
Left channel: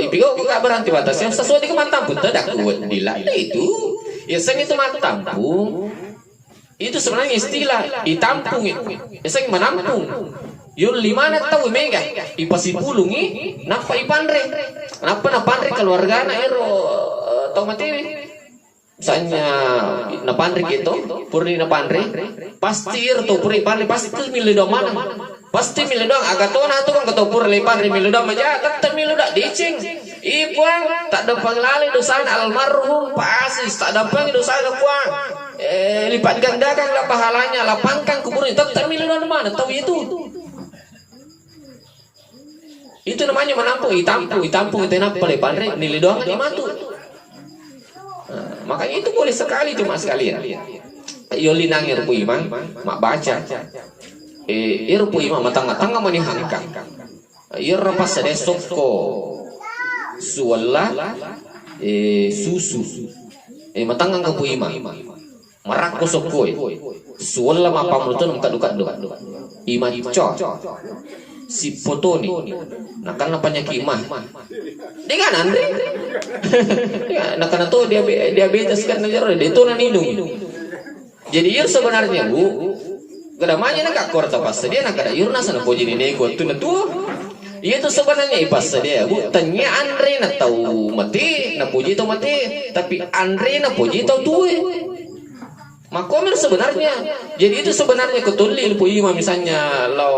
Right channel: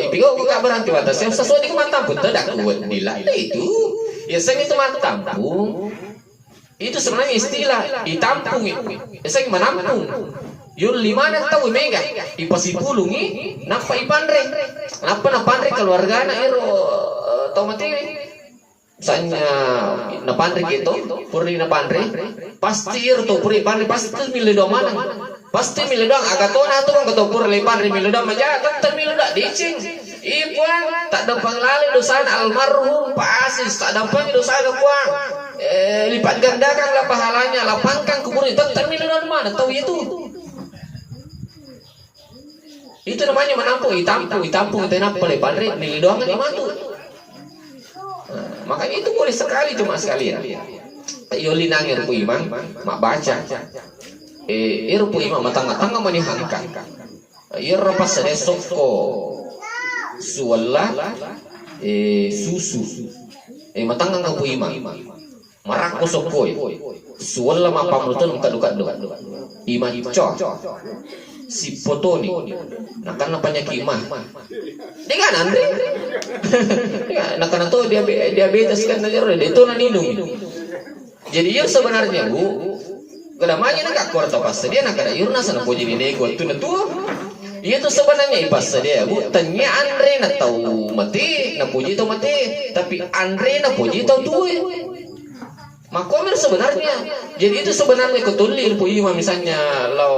ipigo enggak berhenti batas yang sesuai dengan mat tampung tidak kuat dilai itu. Esang itu mat tampung. Itu sebenarnya istilah ditampung itu. Esang menampung. Yun lima na tahu mega ipasipulungi napa ipandre napa napandre keluarga na ero tau mati misalnya napandre gitu purni napandre pasti ero to puri pandre pasti tu milih mana pasti milih doang agak tona tu kan ketua purni pandre milih doang aja tetap milih dak dicing ipuang tak ada pengelalin dosa almarhum pasti tak ada pengelalin dosa kuang lipat gandakan lah pahalanya lapangkan kuburnya tetap milih doang mana tahu itu. Itu namanya menampung, itampung itu apa lepandre nilai doang di matu. Makanya itu boleh sekali cuma sekalian. Yoli nangir pu imam, mak baca. Irpu imam matang-matang mani hangka. Iro pas ada soko suwala susu. Matang pu imam. Marak ko sokoi. Suwala mapamutun kadukat do. Imam cok. Si foto nih, nah kan napanya kimah, dia kan Andre, nah karena tuh diabetes kan dia itu nanidung, jadi yur sebenarnya bu, kedamanya nak akor tapas dia nak ada yur nasa nak jadi nego tu natua, iya tuh sebenarnya ipas dia bu, tanya Andre nak tahu mati, nak puji tahu mati, tapi Andre nak puji tahu tuh. Makomir sebenarnya, jadi itu sebenarnya ketulil pu imam misalnya lo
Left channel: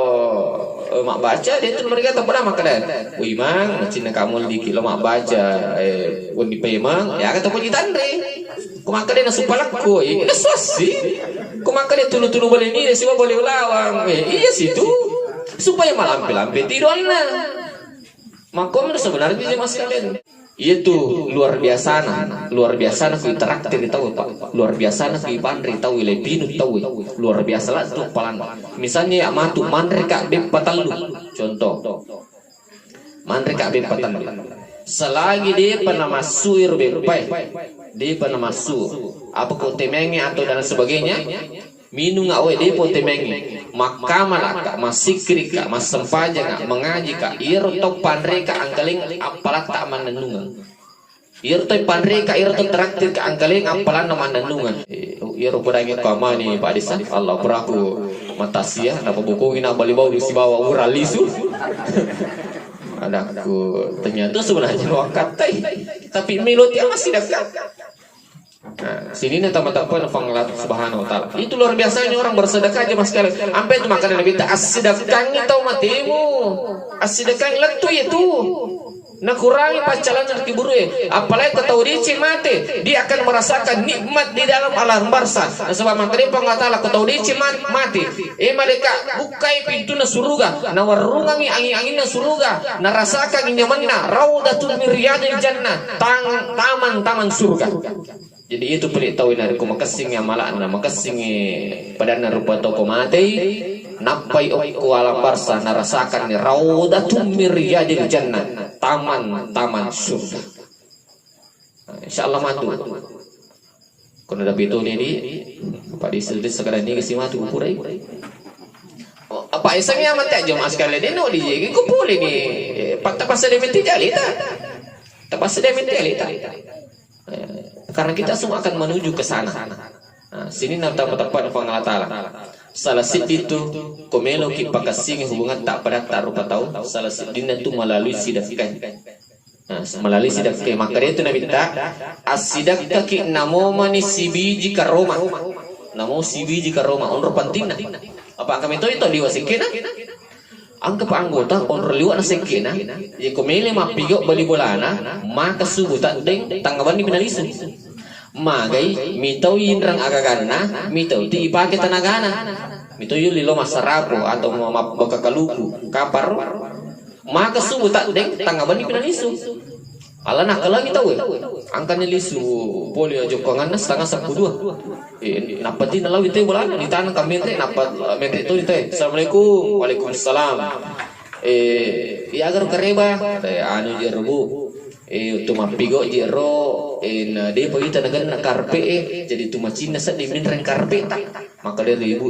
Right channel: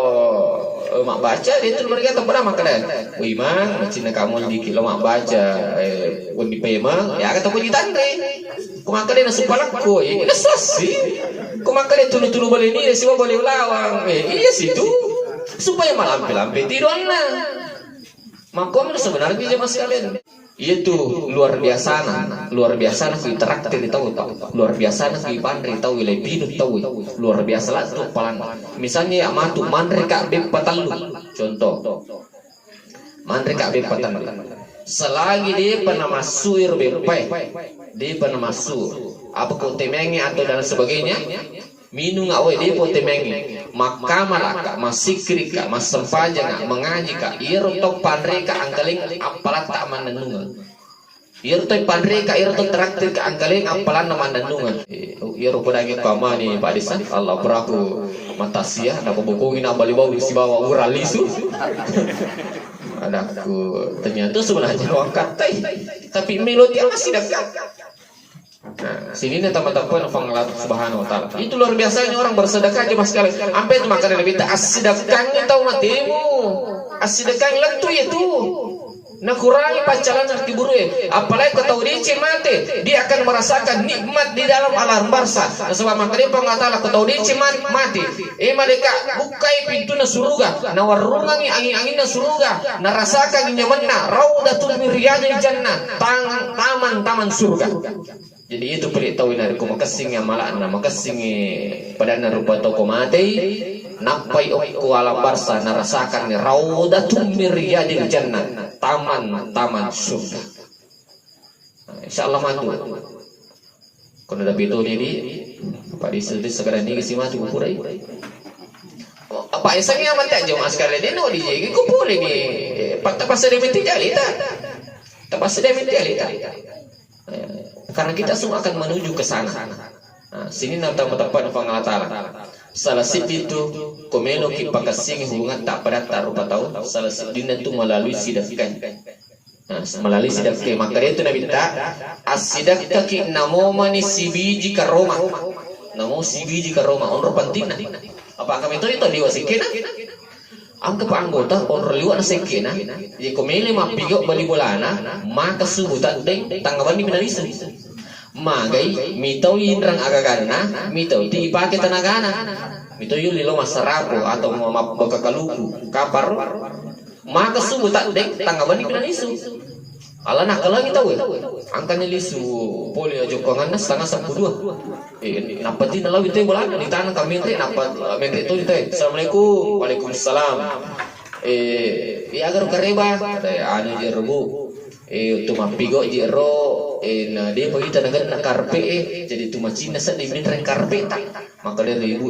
mak baca dia tu mereka tak pernah makan. Imam cina kamu dikit lo mak baca di pemang ya kata puji tandre. Kau makan dia nasi palakku, ini sasi. Kau makan dia tulu-tulu boleh ni, semua boleh lawang. Iya situ supaya malam lampe tidurnya. Makomir sebenarnya jemaah sekalian. Itu luar biasa nak interaktif tahu luar biasa nak pandri tahu lebih tahu luar biasa lah tu palan misalnya ya matu mandre kak beb patalu contoh mandre kak beb patalu selagi dia pernah masuk bepai dia pernah masuk apa kau temengi atau dan sebagainya minum ngawai dia pun temengi maka malaka masikri kak masempaja kak mengaji kak iro tok pandre kak angkaling apalat tak manenungan iro tok pandre kak iro tok traktir kak angkaling apalan nama manenungan iro kudangi kama ni Pak Desa Allah peraku matasia napa bukungin apa libau si bawa uralisu adaku ternyata sebenarnya wakat tapi melodi masih dekat Nah, sini nih teman-teman Allah Subhanahu wa taala. Itu luar biasanya orang bersedekah aja Mas kalian. Sampai itu makanya Nabi ta as-sedekahnya tahu matimu. As-sedekah lentu itu. Nah kurangi pacaran hati buru apalagi kau tahu dia mati, dia akan merasakan nikmat di dalam alam barza. Nah, sebab makanya Allah Taala kau tahu dia mati, mereka bukai pintu na surga, na warungangi angin-angin na surga, na rasakan nyamanna raudatun min riyadil jannah, taman-taman surga. Jadi itu beritahu dari ku makasing yang malah na makasing pada na rupa toko mati. Napai ku alam barza narasakan ni raudatun min riyadil jannah, taman-taman surga. Insyaallah matu. Kono da beto ni di Pak di sekarang ni kasi matu purai. Apa isangnya mati aja mas kali dia no di je ku boleh ni. Pak tak pasal demiti jali ta. Tak pasal demiti jali ta. Karena kita semua akan menuju ke sana. Nah, sini nak tahu-tahu Allah Taala. Salah itu komelo ki pakasing hubungan tak pada rupa tahu salah sidina itu melalui sidafkan. Nah, melalui sidafkan maka dia itu Nabi tak asidafka ki namo mani sibiji karoma. Namo sibiji karoma onro pantina. Apa kami itu liwa sekena? Angka anggota onro liwa na sekena. Jadi komelo mapigo bali bolana maka subutan deng tanggapan ni pinalisan. Magai mitau inrang agagana mitau ti ipake tanagana mitau yuli lo masarapo atau makakaluku kapar maka subuh tak deng tanggapan di pinalisu ala nak kalau mitau angkanya lisu polio jokongan nas tangga 12 napati nalau itu bola di tanah kami ente napat mente itu ente assalamualaikum waalaikumsalam ya agar kareba anu jerbu tu mapigo jero dia pagita na karpe jadi tu macina sa di minrang karpe tak maka dia ibu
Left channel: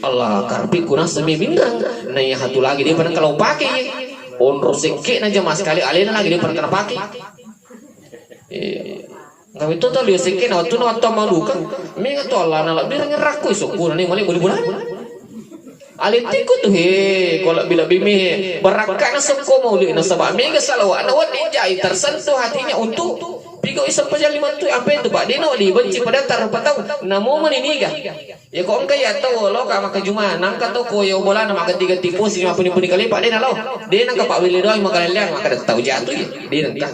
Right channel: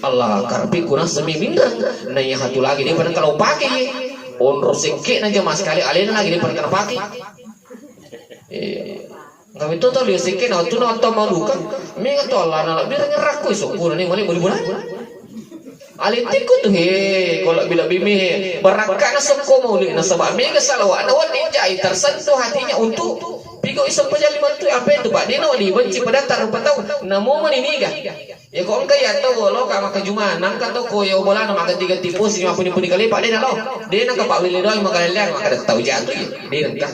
Allah karpe kuna sa minrang na ya hatu lagi dia pernah kalau pakai onro seke na jama sekali alena lagi dia pernah pakai ngawi to tali seke na tu na to malukan menga to Allah na dia ngeraku sokuna ni mali boleh bulan alitiku tuh kalau bila bimi berakan soko mauli na sabah mega salawa na wadi jai tersentuh hatinya untuk pigo isang pajali tu apa itu Pak dia no dibenci pada tar patau namo mo ni miga ya kau kaya to lo ka maka juma nam ka to ko yo bola na maka tiga tipu si mapuni kali Pak dia na lo dia na ka Pak Willy doang maka liang maka tahu jatuh ya dia entah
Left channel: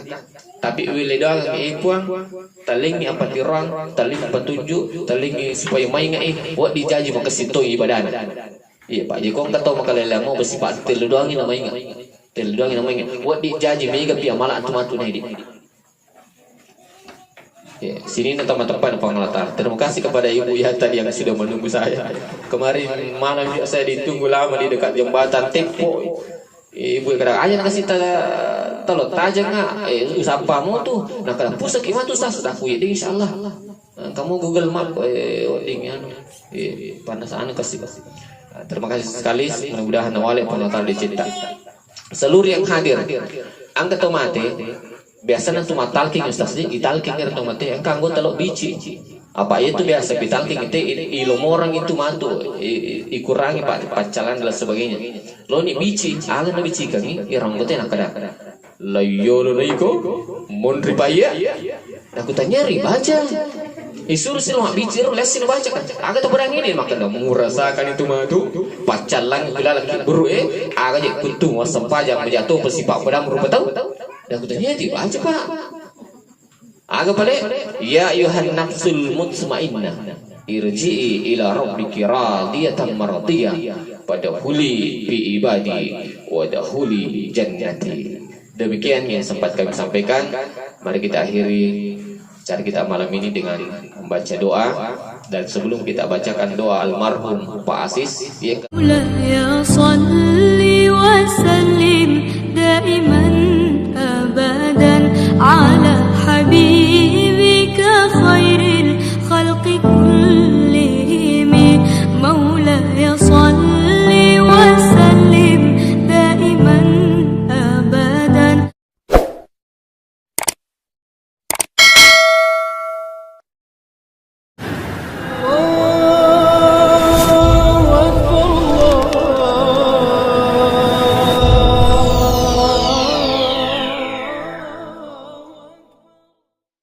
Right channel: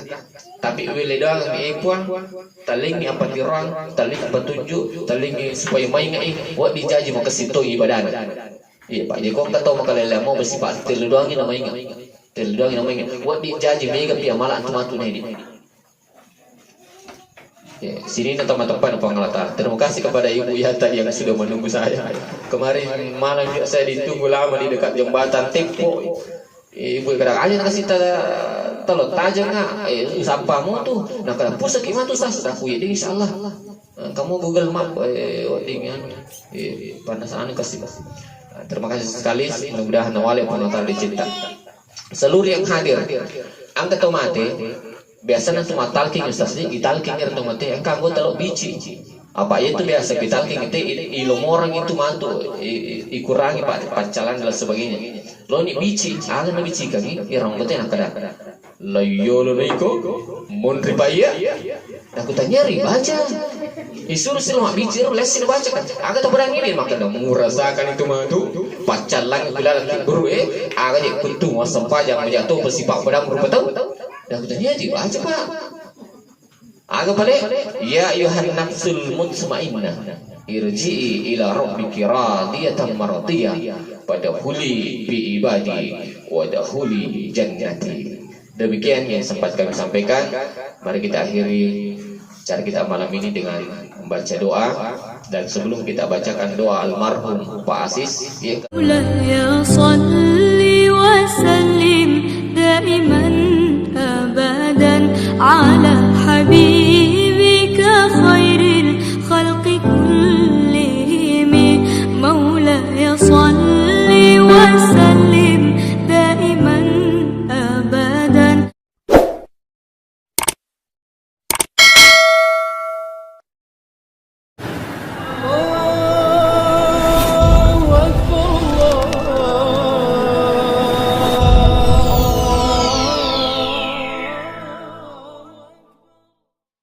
tapi Willy doang ni puang taling apa tirang taling petunjuk taling supaya main ngai buat dijaji maka situ ibadah. Iya Pak Jeko kata maka lele mau bersifat telu doang ni namanya telu doang ni namanya buat dijaji mega pia malah antum-antum ni. Ya, sini teman-teman pengelata. Terima kasih kepada Ibu Yata yang sudah menunggu saya. Kemarin malam saya ditunggu lama di dekat jembatan Tempo. Ibu kata, "Aja nak kasih telur tajam ngak? Sampamu tuh. Nah kalau pusat gimana tuh sah aku ya, insyaallah. Kamu Google Map dengan panas anu kasih. Terima kasih sekali. Mudah-mudahan wali penonton dicinta. Seluruh yang hadir, angkat tomate. Biasanya cuma talking Ustaz di talking itu mati engkau gua telok bici apa itu biasa di talking itu ilmu orang itu mantu ikurangi pacaran dan sebagainya lo ni bici ala na bici kami irang gua nak kada layo lo laiko mon ripaya aku tanya baca isur silma bici lo lesin baca kan aga to berang ini maka dah merasakan itu mantu pacaran bila lagi buru aga je kuntung sampai jam jatuh bersifat pedang berupa tahu dah aku tanya tiba aja Pak. Agak balik. Ya ayuhan nafsul mutmainnah. Irji'i ila rabbiki radiyatan mardiyah. Fadkhuli fi ibadi wadkhuli jannati. Demikian yang sempat kami sampaikan. Mari kita akhiri cara kita malam ini dengan membaca doa. Dan sebelum kita bacakan doa almarhum Pak Asis ya